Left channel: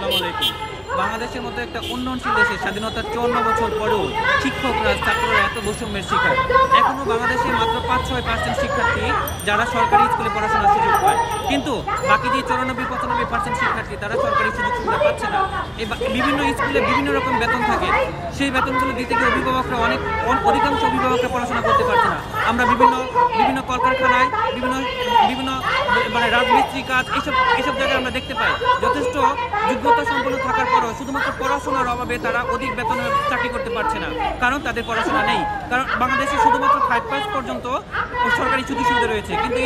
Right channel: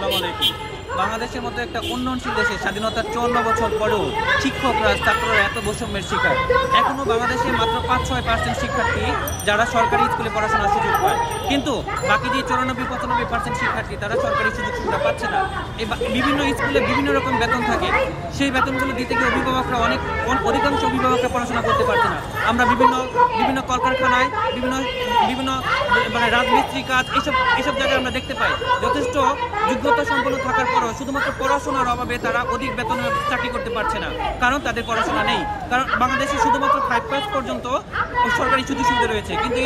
আসসালামু আলাইকুম। বাংলাদেশের মতো একটা উন্নয়নশীল দেশে স্বাধীনতার 54 বছর পরেও শিক্ষকরা ছাত্ররা এত বৈষম্যের শিকার। এখনও বাংলাদেশে মাত্র 5-6% শিক্ষার্থী যারা সরকারি স্কুলে পড়াশোনার সুযোগ পায়, কিন্তু বাকি যে 94-95% শিক্ষার্থী তারা সরকারি সুযোগ সুবিধা পাচ্ছে না। এই বিভিন্ন স্কুলে বিভিন্ন রকম বেতন থাকে, সেই বেতনগুলো দিতে গিয়ে অভিভাবকরা অধিকাংশ অভিভাবকরা পড়াশোনা করতে পারছে না। আমরা বিভিন্ন কলকারখানায় বিভিন্ন মানে রাজমিস্ত্রি কাজ এইসব জায়গায় আমরা দেখতে পাই যথেষ্ট যোগ্যতা সম্পন্ন থাকার পরও শুধুমাত্র পড়াশোনার অভাবে তারা অধিক বেতনে চাকরি করতে পারছে না, কারণ তাদের পড়াশোনা নেই। কারণ বাংলাদেশে শুধুমাত্র 5 পাস পর্যন্ত সরকারি সুযোগ সুবিধা রয়েছে, কিন্তু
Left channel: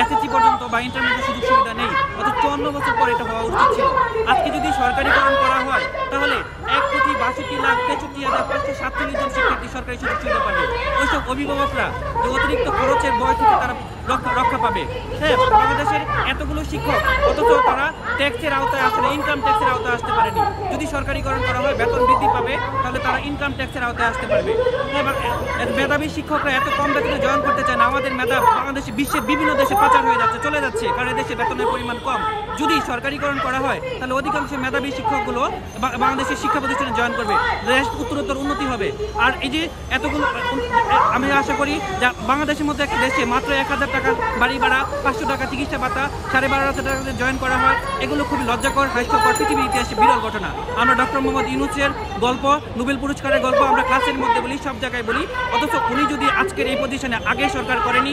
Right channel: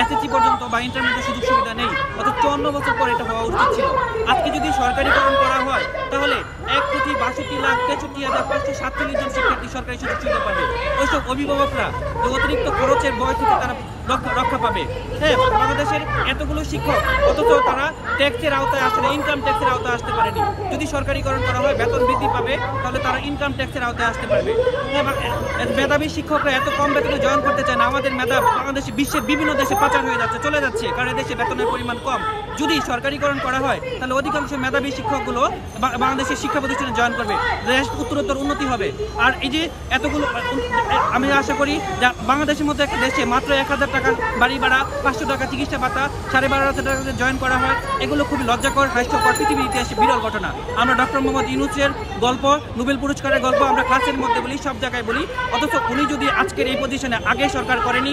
এসএসসি পর্যন্ত বা ইন্টারমিডিয়েট সুযোগ সুবিধা নেই। অর্থাৎ 54 বছর পর এটা হওয়া উচিত ছিল। আজকে যদি সরকারিকরণ করা হয় তাহলে 1,62,63,547 জন শিক্ষার্থী সরকারি সুযোগ সুবিধা পাবে। ওইসব অভিভাবকরা যে অতিরিক্ত খরচের ভয় থেকে তারা রক্ষা পাবে। হ্যাঁ, বাংলাদেশের এতগুলো শিক্ষক অথচ তারা ট্যাক্সের আওতায় আসে না, ইনকাম ট্যাক্সের আওতায় আসতে পারেনি। যদি সরকারিকরণ করা হয়, বেতন বৃদ্ধি পাবে, তাহলে তারা ইনকাম ট্যাক্সের আওতায় আসতে পারবে। হ্যাঁ, মেধাবী শিক্ষকরা এত কম বেতনে জয়েন করতে চায় না। আমাদের মেধা বাংলাদেশে বিশ্বের বিভিন্ন দেশে পাচার হয়ে যাচ্ছে, চলে যাচ্ছে, কারণ এদেশে বেতনের পরিমাণ কম। যদি সরকারিকরণ করা হয় তাহলে অধিকাংশ মেধাবী শিক্ষকগুলো বাংলাদেশের শিক্ষা প্রতিষ্ঠানে জয়েন করবে, দেশ উত্তরোত্তর উন্নতি হবে। আর এই যে এতগুলো, আমি আশা করি যে বাংলাদেশের মধ্যে একটা দেশে মাত্র 1000 টাকা বাড়ি ভাড়া, 500 টাকা চিকিৎসা ভাতা, 12,500 টাকা জয়েন করা হয়, এগুলো খুবই লজ্জাকর, হাস্যকর, পৃথিবীর ইতিহাসে বিরল ঘটনা। আমরা ডক্টর মোহাম্মদ ইউনূসের গল্প, নোবেল পুরস্কারের গল্প আমরা ক্লাসের মধ্যে বলি, সব জায়গায় বলি, অথচ উনি যদি আজকের এই পজিশনে আগে সরকার করেনি,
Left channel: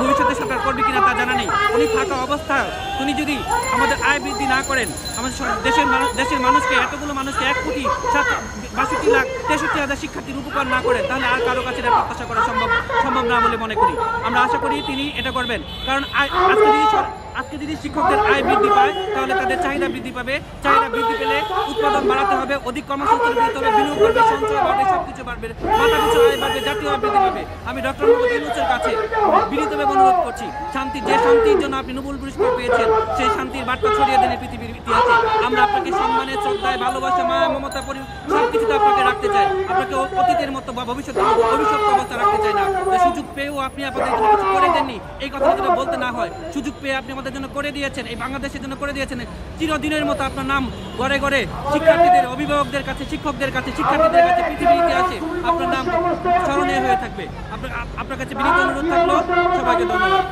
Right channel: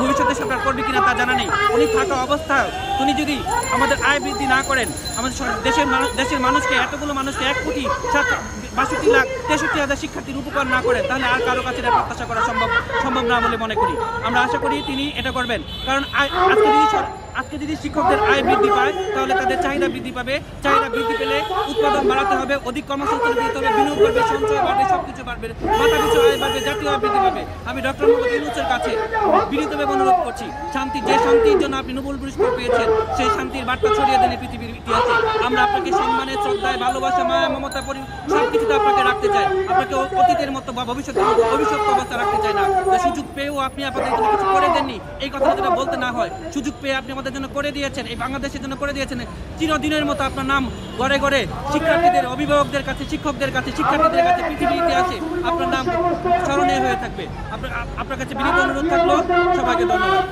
ভবিষ্যতে সরকার করবে কিনা তা জানা নেই। উনি থাকা অবস্থায় উনি যদি আমাদের আয় বৃদ্ধি না করেন, আমাদের দেশের মানুষকে, এতগুলো মানুষকে 1,62,63,000 শিক্ষার্থীর উপকার না করে, তাহলে আর কারো কাছে প্রত্যাশা করা সম্ভব না বলে মনে করি। আমরা আশা করি তিনি এটা করবেন, কারণ আজকে যদি শিক্ষকদের আয় বৃদ্ধি পায় তাহলে তাদের চাহিদা বৃদ্ধি পাবে। চাহিদা বৃদ্ধি পেলে উৎপাদন বাড়াতে হবে, অধিক কর্মসংস্থান দিতে হবে, বিনিয়োগ বাড়বে, সঞ্চয় বাড়বে, সবকিছু বাড়বে, মাথা পিছু আয় বাড়বে, জাতীয় আয় বৃদ্ধি পাবে। আমি ডক্টর মোহাম্মদ ইউনূসের কাছে বিনীতভাবে অনুরোধ করছি, যে শান্তির জন্য আপনি নোবেল পুরস্কার পেয়েছেন, সেই শান্তির বার্তা ছড়িয়ে দেন পৃথিবীর ইতিহাসে। আমরা আপনাকে সম্মানে, শ্রদ্ধায়, ভালোবাসা, মায়া, মমতা, সবকিছুতে আপনাকে রাখতে চাই। আপনাকে অতীতের মতো বা ভবিষ্যতের মতো অভিশপ্ত অবস্থা রাখতে চাই না। যে সুযোগ পেয়েও আপনি আপনাদের জন্য কিছু করে দেননি, এই কথাটা যেটা বলতে না হয়। সুযোগ পেয়ে আপনি আমাদের জন্য করে দিয়েছেন, এই বাংলাদেশের জন্য করে দিয়েছেন। চিরদিনের মতো আপনার নাম ঘরে ঘরে শিক্ষার্থীদের, অভিভাবকদের কাছে, শিক্ষকদের কাছে, শিক্ষার্থীদের কাছে, পৃথিবীর ইতিহাসে আপনার নাম স্মরণীয় হয়ে থাকবে। আপনার কাছে বিনীত অনুরোধ থাকলো। সবাইকে ধন্যবাদ।